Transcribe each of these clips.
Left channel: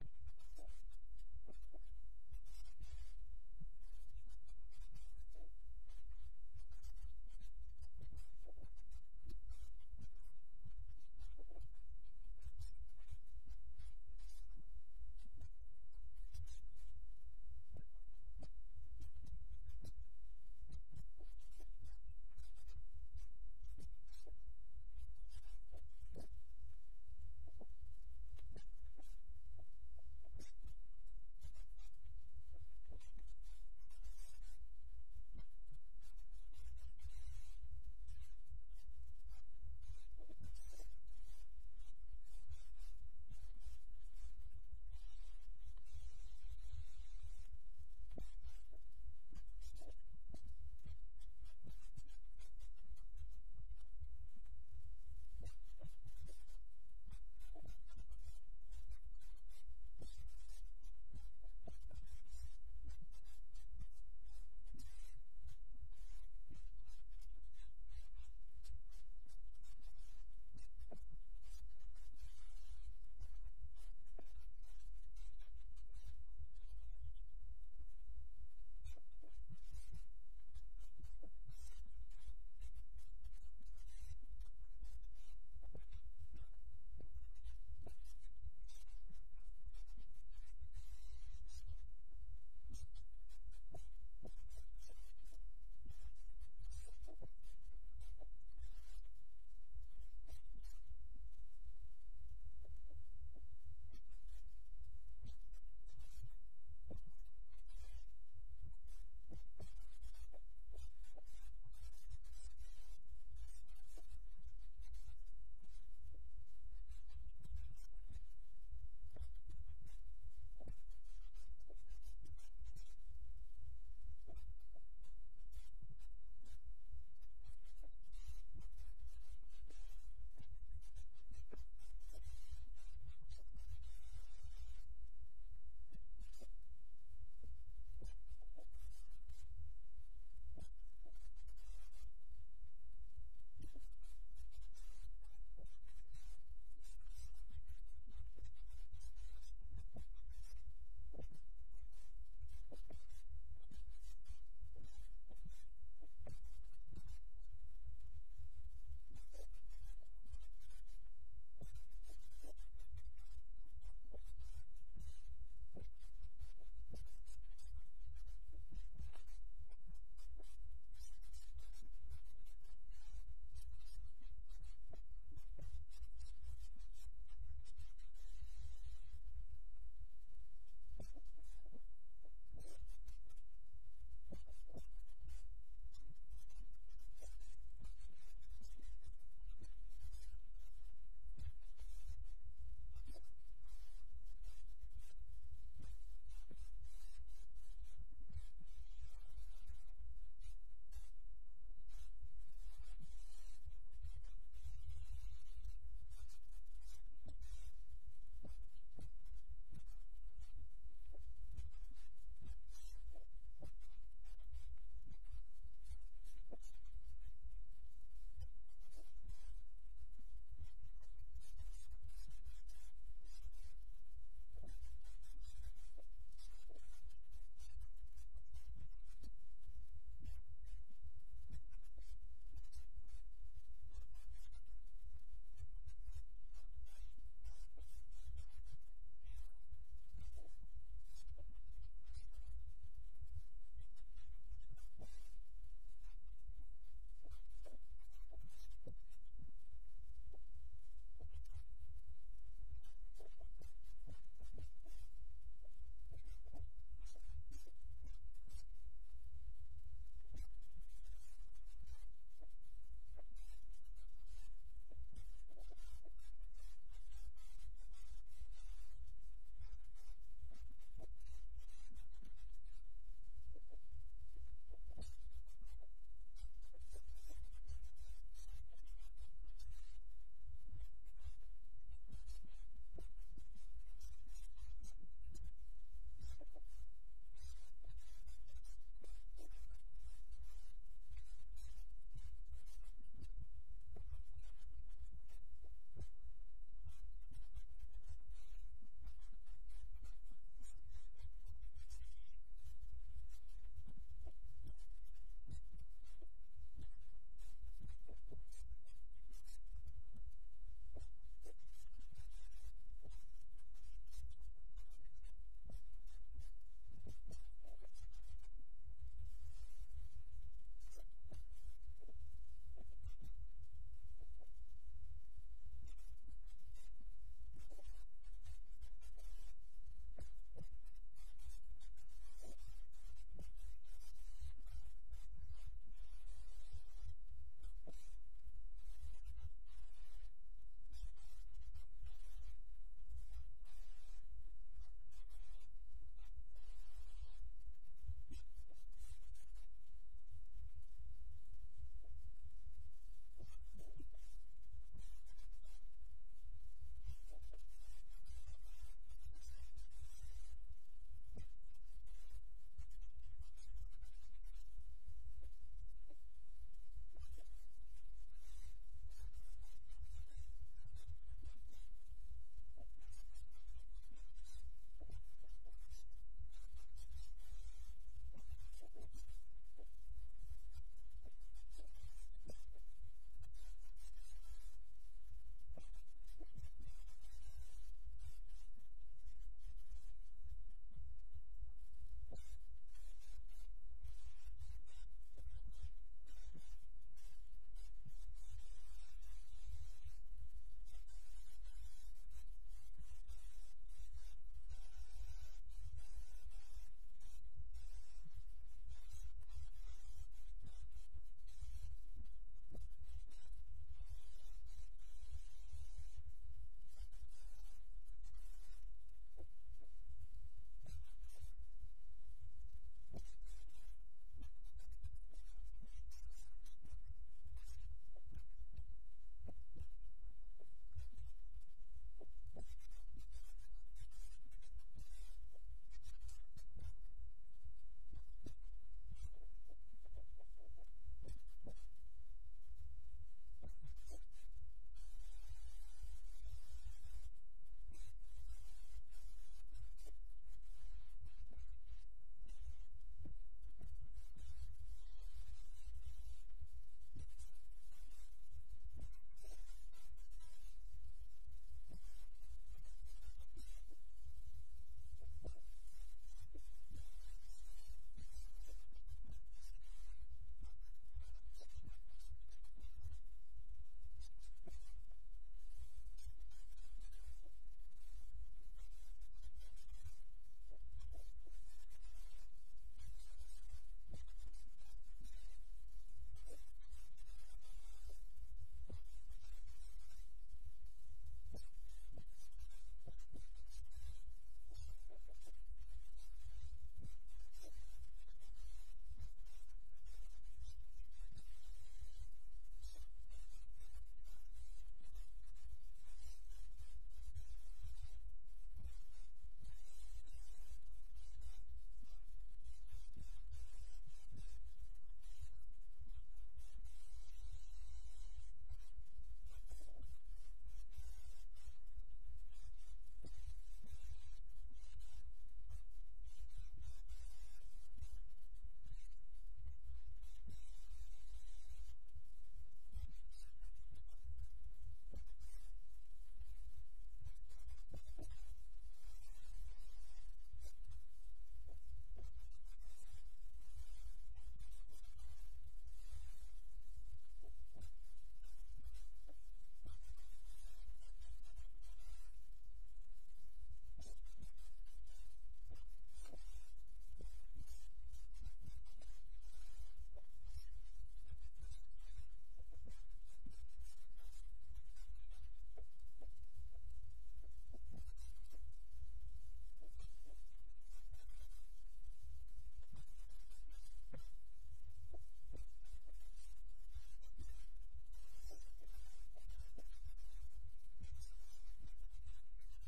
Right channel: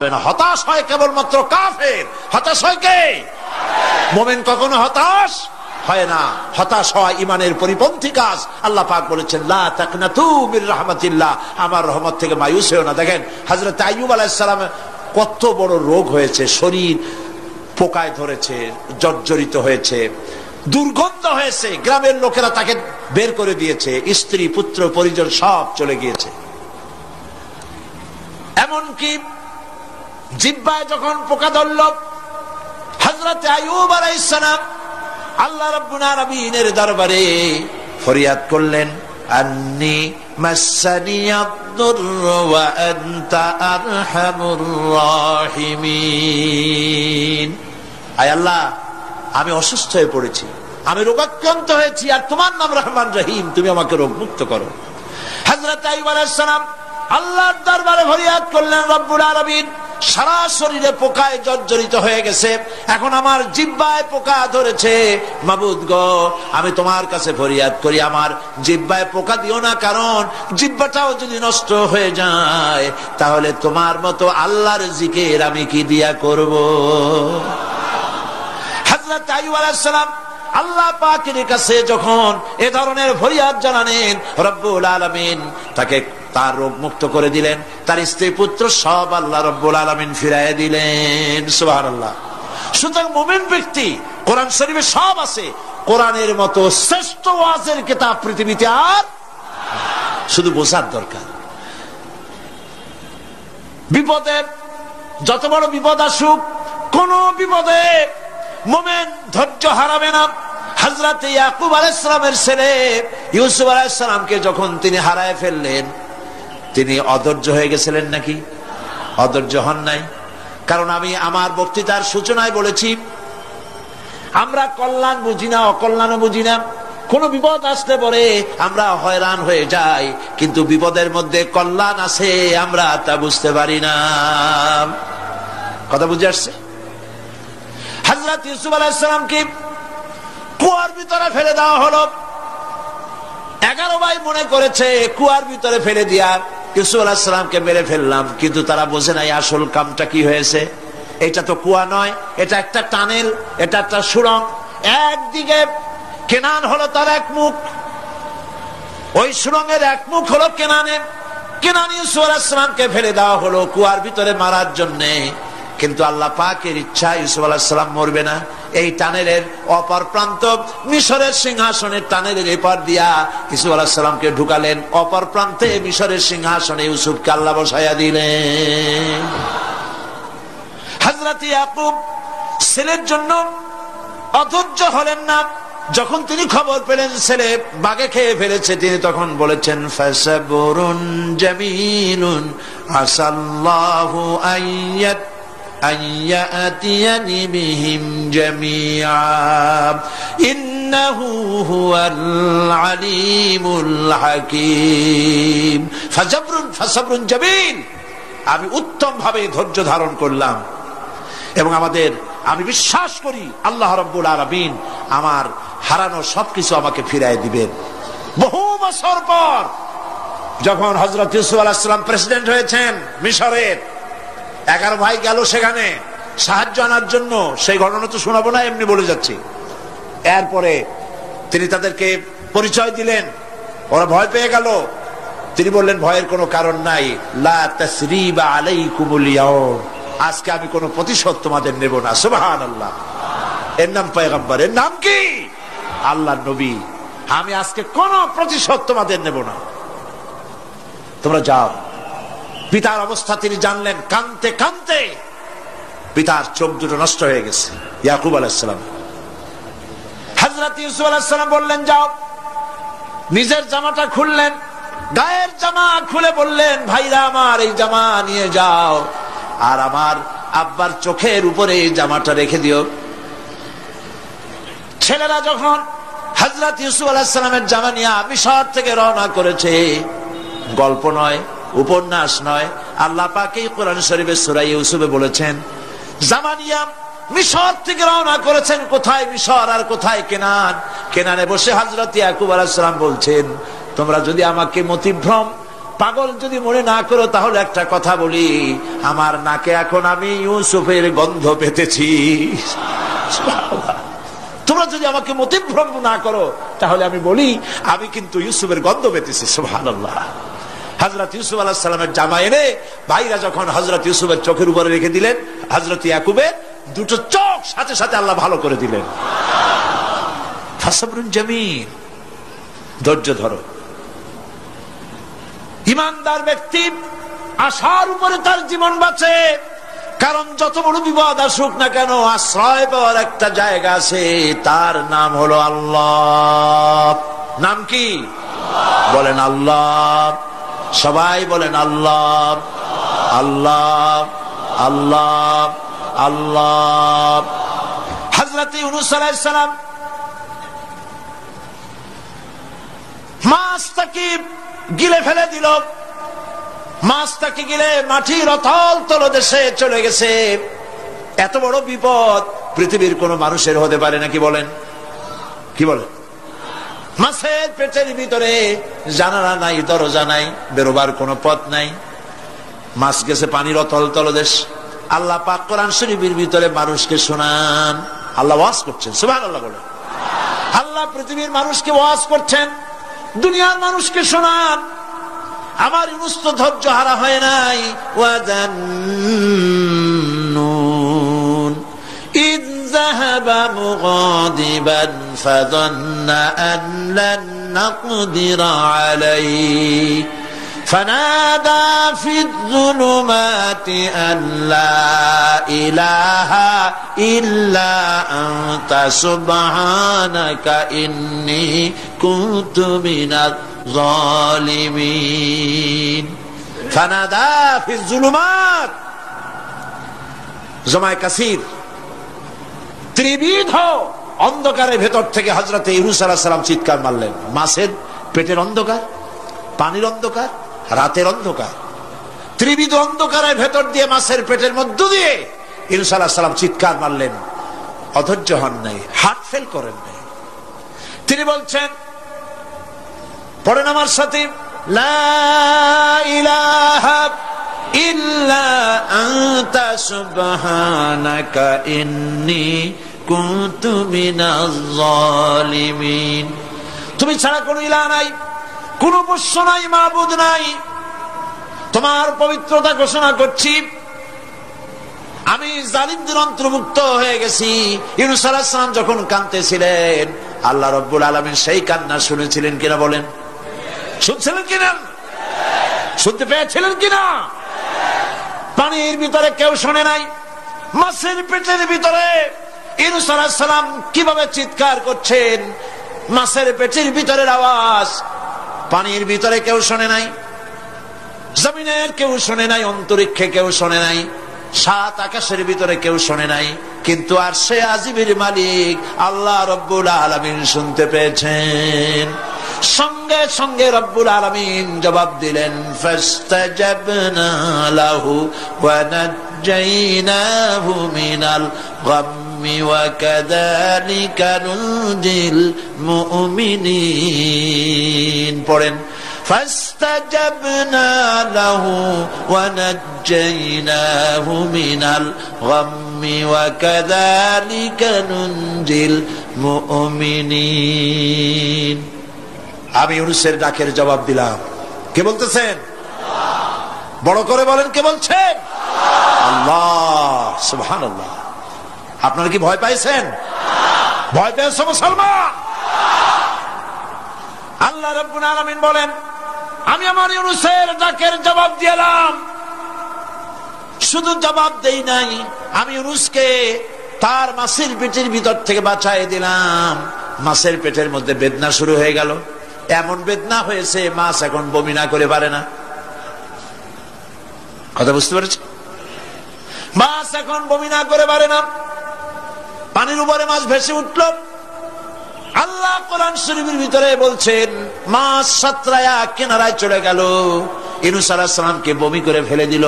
হতাশ হয় কেবলমাত্র কাফের। হতাশ হয় কে? মুমিন কখনো হতাশ হয় না। হতাশ হয় ইমানের পরিপন্থী কাজ। আল্লাহ পাক বলেছেন লা তাকনাতু মির রাহমাতিল্লাহ, আমার রহমত থেকে মায়ুস হও না। দেখেন হযরত আইয়ুব আলাইহিস সালাম কত বড় রোগ হয়েছে, শরীর পোকায় ধরেছে, জর্জরিত হয়েছে, দুর্গন্ধ হয়েছে, গ্রামের লোকেরা তাকে বের করে দিয়েছে, স্ত্রী পুত্র পরিজন সব চলে গিয়েছে। এমনকি জিহ্বায় যখন পোকা ধরল, হযরত আইয়ুব আলাইহিস সালাম আল্লাহ রাব্বুল আলামিনের দরবারে ফরিয়াদ করলেন, আন্নী মাসসানিয়াদ-দুররু ওয়া আনতা আরহামুর রাহিমিন। আয় আল্লাহ, আমি অসুস্থ হয়ে পড়েছি, আমি রোগাক্রান্ত হয়েছি, আর তোমার নাম রহমান রহিম, তুমি আমাকে রোগ মুক্ত করো। হযরত আইয়ুব আলাইহিস সালাম আল্লাহর দরবারে ফরিয়াদ করলেন, রব্বুল আলামিন সারা শরীরে পোকায় জর্জরিত হয়ে গেছে, এখন আমার জিহ্বায় পোকা ধরেছে, মাবুদ গো আমি তোমার কাছে ফরিয়াদ করি আমার জিহ্বায় পোকা দিও না, কারণ জিহ্বাটাও যদি নষ্ট হয়ে যায় তাহলে তোমার মতো আল্লাহর জিকির আমি কি দিয়া করব। হযরত আইয়ুব আলাইহিস সালাম আল্লাহ পাকের কাছে যখন এ ধরনের ফরিয়াদ জানালেন, রব্বুল আলামিন তাকে তার রোগ মুক্ত করে দিলেন, তার স্ত্রী পুত্র সব আল্লাহ রব্বুল আলামিন ফিরাইয়া দিলেন। সুবহানাল্লাহ। সুতরাং মুমিন ব্যক্তি, কোরআন শরীফে সব আছে, কোরআনের মতো শ্রেষ্ঠ ওয়াজের কিতাব পৃথিবীতে আর শুধু বোঝার দরকার। বিপদে যত বড় বিপদ আসুক, কোন বিপদে মুমিন ধৈর্য হারাবে না। হযরত ইয়াকুব আলাইহিস সালামের ছেলে ইউসুফ আলাইহিস সালামকে যখন তিনি হারায় ফেললেন, তিনি অধৈর্য হয়ে গেছিলেন নাকি? অধৈর্য হন নাই। কারণ আমি আমার বক্তৃতার সূচনায় বলেছি, আমরা কল্যাণ বুঝি না, অকল্যাণও বুঝি না। কোন বিপদ আসতে পরে আমরা হয়রান হয়ে যাই, কিন্তু বিপদের মধ্যে কল্যাণ আছে আমরা তা বুঝতে পারি না। কথা বুঝে আসছে? হযরত ইউসুফ আলাইহিস সালামকে কুয়ার ভিতরে ফেলে দেওয়া হলো। 11 ভাই মনে করেছে কুয়ার ভিতরে ফেলে দিয়া ইউসুফ আলাইহিস সালামকে মেরে ফেললাম, কিন্তু তারা বোঝে নাই আসল কামটা কি হয়েছে। এটা তো কুয়া নয়, এটা একটা টানেল, এটা একটা সুড়ঙ্গ। একদিকে কেনান হলো তার এক মুখ, ওই সুড়ঙ্গের এক মুখ হলো কেনানের। কেনান ইউসুফ আলাইহিস সালামকে ফেলে দেওয়া হলো কুয়ার ভিতরে মারার জন্য, কিন্তু আল্লাহ পাকের ইচ্ছা ইউসুফ আলাইহিস সালাম মরবে না। এই টানেলের অপর প্রান্ত মিশরের সিংহাসনের টানেলের এপার দিয়া ইউসুফ আলাইহিস সালামকে ঢুকালেন, অপর প্রান্তে মিশরের সিংহাসনে ইউসুফকে আল্লাহ বসাইয়া দিলেন। হযরত ইয়াকুব ছেলের জন্য অধৈর্য হলেন না। যখন তিনি খবর পেলেন ছেলে বাঘে খেয়ে ফেলেছে, তিনি তখন বলেছেন, ফাসাবুরুন জামিলুন আসাল্লাহু আইয়াত আইয়াতিয়ানি বিহিম জামিআ ইন্নাহু হুয়াল আলিমুল হাকীম। ফাসাবরুন জামিল, আমি উত্তম ভাবে ধৈর্য ধারণ করলাম, এবং আমি বিশ্বাস করি আল্লাহ রাব্বুল আলামিন আমার হারানো সবকিছু আমাকে ফিরাই দিবেন। বহু বছর পর যখন হযরত ইউসুফ আলাইহিস সালাম প্রেসিডেন্ট হয়েছেন মিশরের, 11 ভাই গেল সেখানে সাহায্য আনার জন্য। সেই ঘটনা তো শোনাবো না, এমনি বলে যাচ্ছি। এরপরে তিনি তাদেরকে পরিচয় দিলেন, ওরা ভয় পেয়ে গেল। তিনি বললেন, ভয়ের কোনো কারণ নাই, লা তাসরিবা আলাইকুমুল ইয়াউম, আজকে আমি কোনো প্রতিশোধ তোমাদের নেব না। সুবহানাল্লাহ। এর নাম পয়গম্বর, এর নাম কি? আল্লাহর নবী। আমি আজকে কোনো প্রতিশোধ তোমাদের নেব না, তোমরা যাও। পিতার অবস্থা তিনি জানলেন, কাঁদতে কাঁদতে পিতার চোখ দুটো নষ্ট হয়ে গেছে। ইয়াকুব আলাইহিস সালাম, হযরত ইউসুফ আলাইহিস সালাম বললেন, যাও। নিজের জামাটা খুললেন, গায়ের জামা খুলে বললেন, ভাইরা আমার এই জামা নিয়ে যাও, আর আমার আব্বার চোখের উপরে এই জামাটা রেখে দিও। ছেলেরা যখন হযরত ইউসুফ আলাইহিস সালামের জামা নিয়ে মিশর থেকে রওনা করেছে, গল্প নয়, উপন্যাস নয়, আল্লাহ পাক এই কোরআন শরীফের সূরা ইউসুফে বলেছেন, জামানিয়া মিশর থেকে রওনা করেছেন। কোথায় মিশর আর কোথায় কেনান? কেনানে বসে হযরত ইয়াকুব আলাইহিস সালাম বলছেন, তোমরা যদি আমাকে মতিভ্রম পাগল যদি মনে না করো তাহলে একটা কথা বলি, আমার নাকে এখন আমি ইউসুফের গন্ধ পেতেছি। তোমরা যদি আমাকে মতিভ্রম না করো তাহলে আমি বলি আমি কিন্তু ইউসুফের গন্ধ পেতেছি। সুবহানাল্লাহ। হযরত ইউসুফ আলাইহিস সালামের জামা এনে ভাইরা যখন হযরত ইউসুফের চোখের উপরে রেখে দিলেন, হযরত ইয়াকুবের দুটো চোখ সাথে সাথে আল্লাহ ভালো করে দিলেন। ফাসবরুন জামিল, ধৈর্য ধরো। ইমানদার ব্যক্তি আশার উপরে তার জীবন বাঁচে, কারণ যত বড় বিপদ আসুক না কেন আশ্রয় পাওয়ার একটা জায়গা আছে, তার নাম হলো আল্লাহ। নাম কি? বলেন আল্লাহ। সবাই বলেন আল্লাহ আল্লাহ আল্লাহ আল্লাহ। হযরত ইউনূস আলাইহিস সালাম মাছটাকে গিলে ফেলে দিল, মাছটাকে গিলে মাটির অতল তলদেশে চলে গেছে। এত বড় বিপদ পৃথিবীর কোন মানুষের হতে পারে নাকি? বলেন, কি বলেন? মাছের পেটের ভিতরে জানালা নাই, দরজা নাই, বেরোবার কোনো পথ নাই, মাছ গেছে পানির অতল তলদেশ। আল্লাহ পাক কোরআন শরীফের ভিতরে মানুষকে শোনান, আল্লাহ ওয়াজ করছেন। সুবহানাল্লাহ বলেন। আল্লাহ পৃথিবীর মানুষকে ওয়াজ করছেন, দুনিয়ার মানুষকে শোনান। আমার ইউনূস তো ধৈর্য হারা হয় নাই। ওয়াযান্নুন ইয যাহাবা মুগাদিবান ফাযান্না আন লান নাকদিরা আলাইহি ফানাদা ফিয যুলুমাতি আন লা ইলাহা ইল্লা আনতা সুবহানাকা ইন্নী কুনতু মিনাজ জালিমিন। ফানাদা ফিয যুলুমাত, জামায়ে কাসির, ত্রিবিধ অন্ধকারের ভেতর থেকে হযরত ইউনূস আলাইহিস সালাম চিৎকার মারলেন। মাছের পেটের অন্ধকার, পানির অন্ধকার, রাতের অন্ধকার, ত্রিবিধ অন্ধকারের ভেতর দিয়ে মাছের পেটের মধ্য দিয়ে ইউনূস আলাইহিস সালাম চিৎকার মারলেন। অধৈর্য হন নাই, হার্ট ফেল করেন নাই। তিনি বলছেন, পড়েন আমার সাথে, লা ইলাহা ইল্লা আনতা সুবহানাকা ইন্নী কুনতু মিনাজ জালিমিন। তুমি ছাড়া কোনো ইলাহ নাই, কোনো বস্য নাই, মাবুদ নাই। তোমার পবিত্রতা ঘোষণা করছি, আমি জালিমদের অন্তর্ভুক্ত হয়ে গেছি। ইউনূস আলাইহিস সালাম যখন কাঁদতেছিলেন, আল্লাহ রাব্বুল আলামিন সেই কান্না শুনেছিলেন কিনা? বলেন, শুনছিলেন কিনা? শুনতে পেয়েছিলেন কিনা? পানির ভিতরে কেউ শোনে নাই, মাছের পেটের ভিতরে ইউনূস আলাইহিস সালাম কিভাবে চিৎকার করছেন, মাছের পেটের ভিতরের আওয়াজ পানির ভিতরে কেউ শোনে নাই, জমিনের কেউ শোনে নাই, অন্তরিক্ষে কেউ শোনে নাই, সাত আকাশের ভিতরে কেউ শোনে নাই, কিন্তু আরশে আজিমের মালিক আল্লাহ রাব্বুল আলামিন শুনতে পেয়েছেন। সঙ্গে সঙ্গে রব্বুল আলামিন জবাব দিলেন, ফাস্তাজাবনা লাহু ওয়া নাজ্জাইনাহু মিনাল গাম্মি ওয়া কাযালিকা নুনজিল মুমিনিন। পড়েন, ফাস্তাজাবনা লাহু ওয়া নাজ্জাইনাহু মিনাল গাম্মি ওয়া কাযালিকা নুনজিল মুমিনিন। আমি ইউনূসের ডাকের জবাব দিলাম। কে বলতেছেন? বড় করে বলেন, কে বলছেন? আল্লাহ। সুবহানাল্লাহ। আপনারা কি ভয় পাইছেন? ভয় পেয়েছো মুসলমান? আল্লাহ রাব্বুল আলামিন বলেন, আমি আমার ইউনূসের ডাকের জবাব দিলাম। শুধু জবাব দেই নাই, আমি ইউনূসকে তার মাছের পেটের ভিতর থেকে বাঁচাই দিলাম। মাছের পেটের মধ্যে বেদনা শুরু হয়ে গেল। এমন বেদনা হয়েছে মাছ এখন বমি না করে পারে না। কথা বুঝতে পেরেছ? মাছ এখন বমি না করে পারে না। পানির উপরে মাছ ভেসে উঠল। আল্লাহ কোরআন শরীফের ভিতরে বলছেন, মাছ সাতরায়া কিনারায় চলে গেল, ইউনূস আলাইহিস সালামকে বমি করে ফেলে দিল।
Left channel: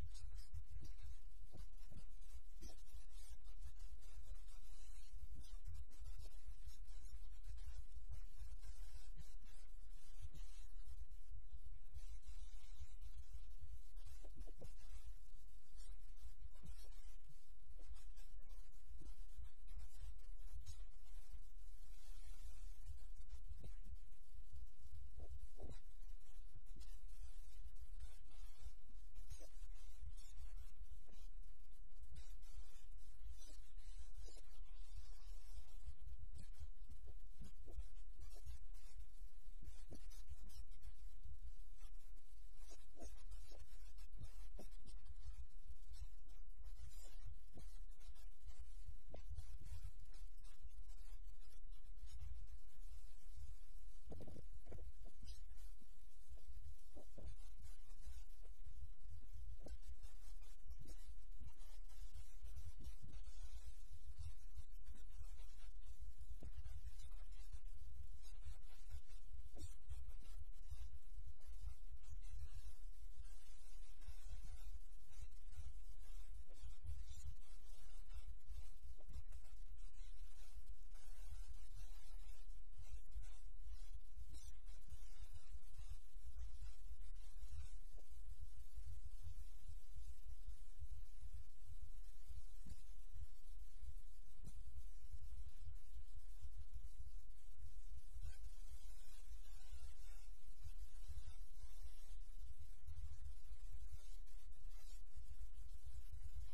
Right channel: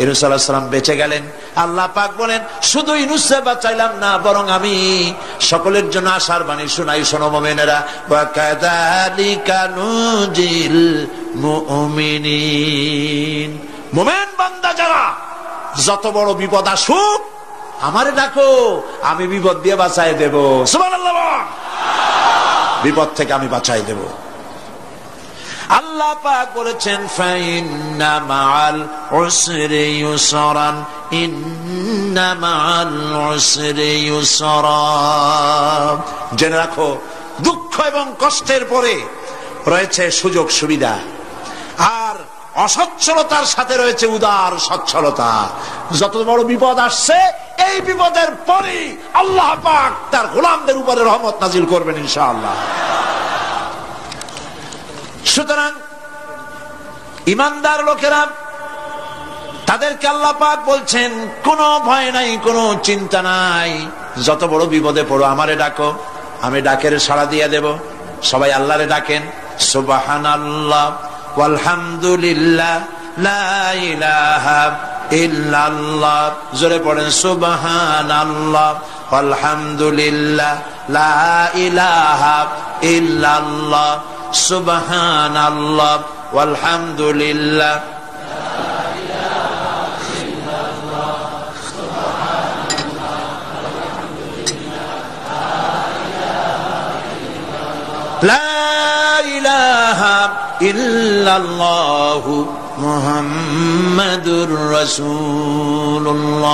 ইউনূস আলাইহিস সালাম বেঁচে গেলেন। আল্লাহ পাক বলেন শুধু ইউনূসকে বাঁচাইলাম না, বরং আমি সকলের জন্য আশার বাণী শোনাই, শোনো মুমিনেরা, ওয়া কাযালিকা নুজিল মুমিনিন। মুমিন বান্দা যারা, যত বড় বিপদ আসুক আমারে ডাকো, আমি বিপদ দিয়ে বাঁচাই দেব। সুবহানাল্লাহ, বিপদ থেকে আমি বাঁচাই দেব। আল্লাহ পাক বলেছেন ফাইন্না মাআল উসরি ইউসরান, ইন্না মাআল উসরি ইউসরা। জেনে রাখো, দুঃখ এবং কষ্টের পরে রয়েছে সুযোগ সুবিধা, আর অসচ্ছলতার সাথে রয়েছে উদার সচ্ছলতা। যত বড় বিপদ আসছে, এই বিপদের পরে আল্লাহ পাক তার গোলামদের উপরে রহমত নাজিল করবেন ইনশাআল্লাহ। সুতরাং ইমানদার লোকেরা, তাদেরকে আল্লাহ পাক বলছেন কোনো ভয় নাই, কোনো চিন্তা নাই, যত বড় বিপদে পড়ো আমারে ডাকো, আমি ডাকের সাড়া দিয়ে দেব। সবাই আল্লাহরে ডাকেন, সুবহানাল্লাহ ওয়ালহামদুলিল্লাহ লা ইলাহা ইল্লাল্লাহ। জোরে পড়েন সুবহানাল্লাহ ওয়ালহামদুলিল্লাহ লা ইলাহা ইল্লাল্লাহ, সুবহানাল্লাহ ওয়ালহামদুলিল্লাহ। লা ইলাহা ইল্লাল্লাহু মুহাম্মাদুর রাসূলুল্লাহ।